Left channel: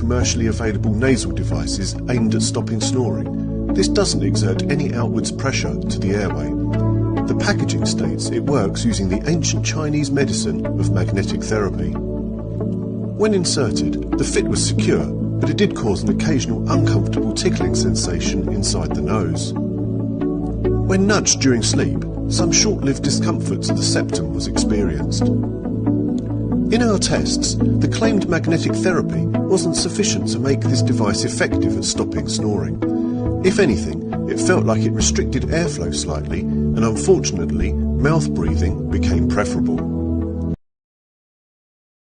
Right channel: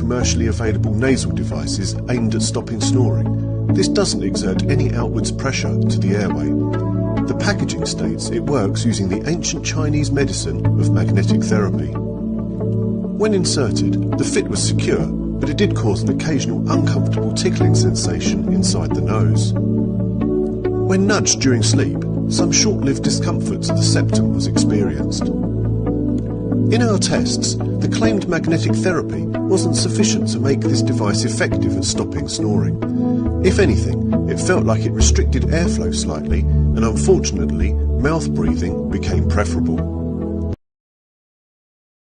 commercially available nasal devices aimed at stopping snoring, this doesn't exert any outwards pressure to the airway. The packaging states it works using the ancient Chinese medicine of magnetic therapy. When inserted, the fit was secure, but it did cause an occasional uncomfortable tickling sensation inside the nose. When nudged during sleep, some short-lived discomfort to the septum was experienced. In our tests, the claimed magnetic therapy wasn't sufficient to make this device effective at stopping snoring. If anything, it felt like it restricted airflow slightly, and unfortunately, mouth breathing became preferable.